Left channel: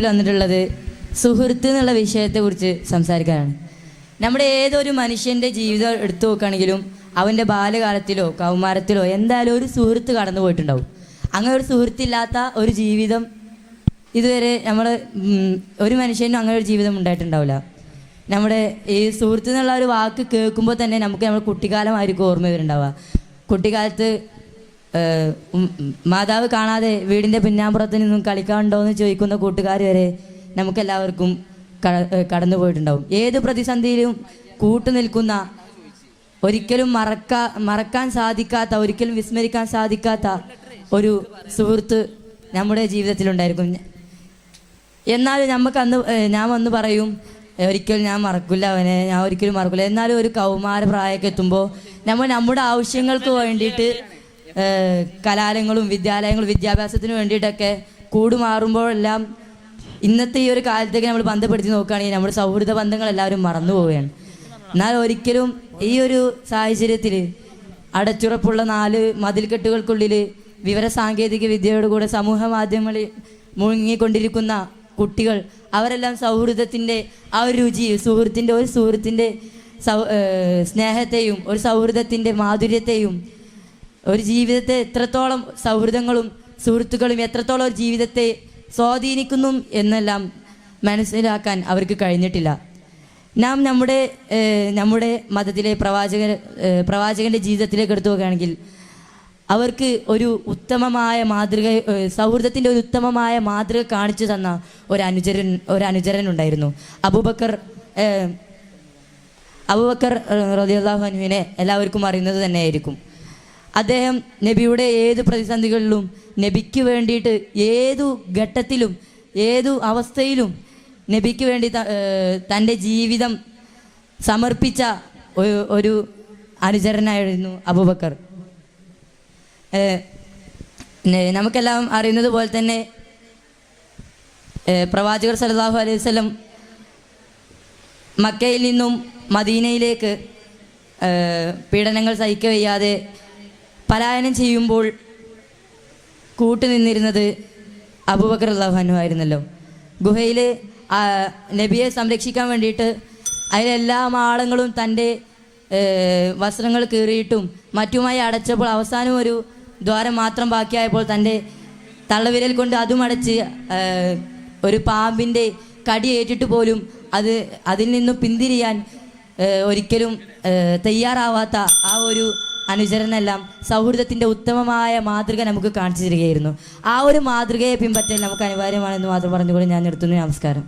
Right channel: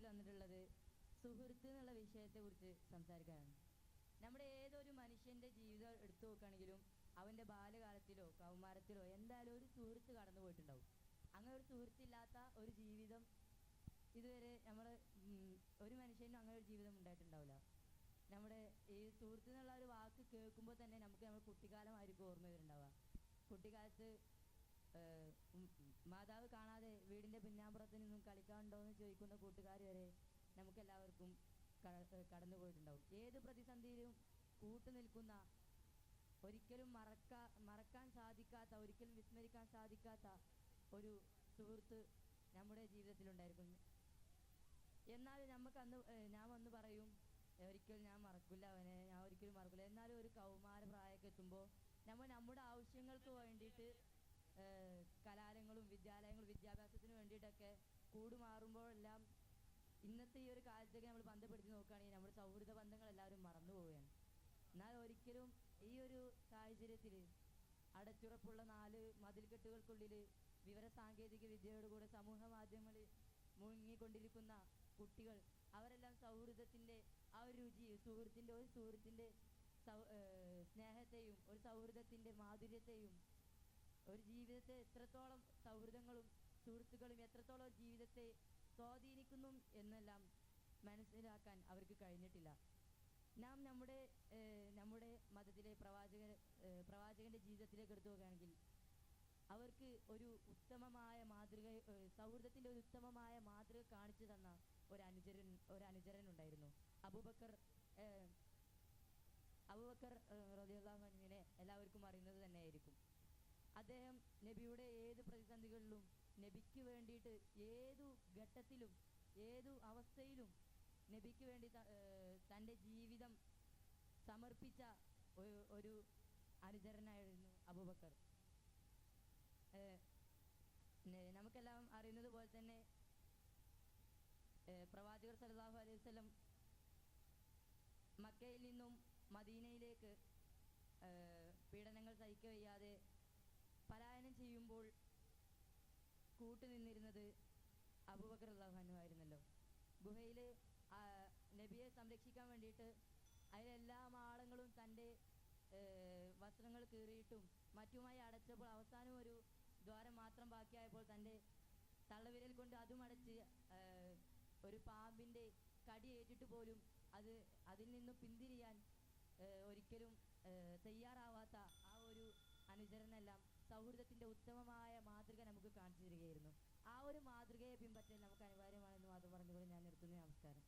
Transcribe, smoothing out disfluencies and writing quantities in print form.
വന്നിട്ടുള്ളത് സുഹൃത്ത് എന്നുള്ള വിഷയത്തെക്കുറിച്ച് സംസാരിക്കാനാണ്. നമ്മുടെ ഏതൊരു മനുഷ്യൻ്റെ ജീവിതം എടുത്തു നോക്കുകയാണെങ്കിലും അവൻ്റെ ബാല്യകാലത്തിലോ കൗമാരത്തിലോ എന്തായാലും ഒരു സുഹൃത്ത് കടന്നു പോയിട്ടുണ്ടാവും. അങ്ങനെ ഒരു സുഹൃത്തില്ലാത്ത ഒരു ജീവിതം ഇതുവരെ ഒരു മനുഷ്യനും അങ്ങനെ ഒരു ജീവിതം ഉണ്ടായിട്ടുണ്ടാവില്ല. നമ്മുടെ ഈ സുഹൃത്ത് എന്നുള്ള ഒരു വാക്ക് കേൾക്കുമ്പോൾ തന്നെ നമുക്ക് നമ്മുടെ കുട്ടിക്കാലമായിരിക്കും ഓർമ്മ വരുന്നുണ്ടാവുക. കുട്ടിക്കാലത്ത് മാതാവ് കാണാതെ വീടിൻ്റെ പിന്നാമ്പുറത്ത് നിന്നും കളിക്കാനുണ്ടോ എന്ന് ചോദിക്കുന്ന കൂട്ടുകാർ വരെ നമുക്കെല്ലാവർക്കും കടന്നു പോയിട്ടുണ്ടാവും. ഏത് പ്രതിസന്ധിയിലും കൂട്ടുനിൽക്കുന്ന, ഒരിക്കലും മറക്കാൻ സാധിക്കാത്ത, ഒരിക്കലും വിസ്മരിക്കാൻ സാധിക്കാത്ത ഒരു സുഹൃത്ത് നമ്മുടെ ജീവിതത്തിലുണ്ടായിരിക്കും. എന്നാലും ഞാൻ വന്ന് പറയും, ഒരിക്കലും ഞാൻ മറക്കില്ല അവനെ, ഞാൻ ഒരിക്കലും മറക്കില്ല. എന്നാലും ഒരു കൗമാര പ്രായമൊക്കെ എത്തുമ്പോൾ നമ്മുടെ ആവശ്യങ്ങൾക്ക് വേണ്ടിയിട്ട് കലാലയങ്ങളും വിദ്യാഭ്യാസത്തിന് വേണ്ടിയിട്ടൊക്കെ കൂടുമാറുമ്പോഴെല്ലാം ഇന്നത്തെ ഈ ഒരു കാലത്തേക്ക് നമ്മൾ ബന്ധപ്പെടുത്തി നോക്കുകയാണെങ്കിൽ നമ്മുടെ സൗഹൃദ ബന്ധങ്ങൾ എല്ലാവരും മറന്നു പോവുകയാണ്. എന്നാൽ ഒരിക്കലും ഈ ഒരു സാഹചര്യത്തിൽ അടച്ചുറപ്പുള്ള 4 മതിൽക്കെട്ടുകൾക്കുള്ളിൽ വിവര സാങ്കേതിക വിദ്യയോട് കൂടെ സമൂഹ മാധ്യമങ്ങളിൽ മുഴുങ്ങിക്കൊണ്ടിരിക്കുന്ന കുട്ടികൾ, അവരെല്ലാം സൗഹൃദത്തിൻ്റെ ആ ഒരു രുചി, ഒരു സുഹൃത്തിൻ്റെ സ്നേഹത്തെയും ഒരു സൗഹൃദത്തിൻ്റെ മാധുര്യത്തെയും, ഒരു ജീവിതത്തെ എത്രത്തോളം സൗഹൃദങ്ങളും സുഹൃത്തുക്കളും എത്രത്തോളം ഒരു ജീവിതത്തെ സ്വാധീനിക്കുന്നു എന്നെല്ലാം മനസ്സിലാക്കാൻ അവർക്ക് കഴിഞ്ഞിട്ടില്ല. നാം നമ്മുടെ മതത്തിലെ പ്രവാചകൻ്റെ ജീവിതത്തിലേക്ക് എടുത്തു നോക്കുകയാണെങ്കിൽ അവർക്ക് ഒരു ഉത്തമമായ മാതൃക, സൗഹൃദത്തിൻ്റെ ഒരു ഉത്തമമായ മാതൃക കാണിച്ചു തന്ന ഒരു അനുചരൻ ഉണ്ടായിരുന്നു. അബൂബക്കർ റളിയല്ലാഹു അൻഹുവിനെ എല്ലാവർക്കും അറിയുന്നത് തന്നെയായിരിക്കും. അദ്ദേഹം നബിയുടെ ഏത് പ്രതിസന്ധികളിലും നബിക്ക് വേണ്ടിയിട്ട് ഏതു ഘട്ടത്തിലും ഏതു അവസ്ഥയിലും നബിക്ക് വേണ്ടി തൻ്റെ ജീവിതം സമർപ്പിച്ച ഒരു അനുചരനായിരുന്നു അബൂബക്കർ. നമുക്കെല്ലാം അറിയുന്നത് പോലെ തന്നെ പ്രവാചകർ സല്ലല്ലാഹു അലൈഹി വസല്ലം മക്കയിൽ നിന്നും മദീനയിലേക്ക് പീഡനങ്ങൾ സഹിക്കവയ്യാതെ പലായനം ചെയ്യുമ്പോൾ കൂട്ടുനിന്നിരുന്നത് അബൂബക്കർ റളിയല്ലാഹു അൻഹു ആയിരുന്നല്ലോ. ഗുഹയിൽ നബിയെ സംരക്ഷിക്കാൻ വേണ്ടിയിട്ട് അതിലെല്ലാ ആളങ്ങളും തൻ്റെ വസ്ത്രങ്ങൾ കീറിയിട്ടും മറ്റുമായി അടച്ചപ്പോൾ അവസാനം ഒരു ദ്വാരം മാത്രം ബാക്കിയായപ്പോൾ തൻ്റെ തള്ളവിരൽ കൊണ്ട് അതും അടച്ച് ഒരു പാമ്പിൻ്റെ കടിയേറ്റിട്ട് പോലും അതിൽ നിന്നും പിന്തിരിയാൻ ഒരിക്കലും തയ്യാറാവാത്ത ആ ഒരു അനുചരനെല്ലാം സൗഹൃദത്തിൻ്റെ ഉത്തമമായ മാതൃക നമുക്ക് കാണിച്ചു തരികയായിരുന്നു. ആ ഒരു മാതൃകയെ പിൻപറ്റൽ നമുക്ക് അനിവാര്യമാണെന്ന് മാത്രം പറഞ്ഞുകൊണ്ട് ഞാൻ നിർത്തുന്നു. നമസ്കാരം.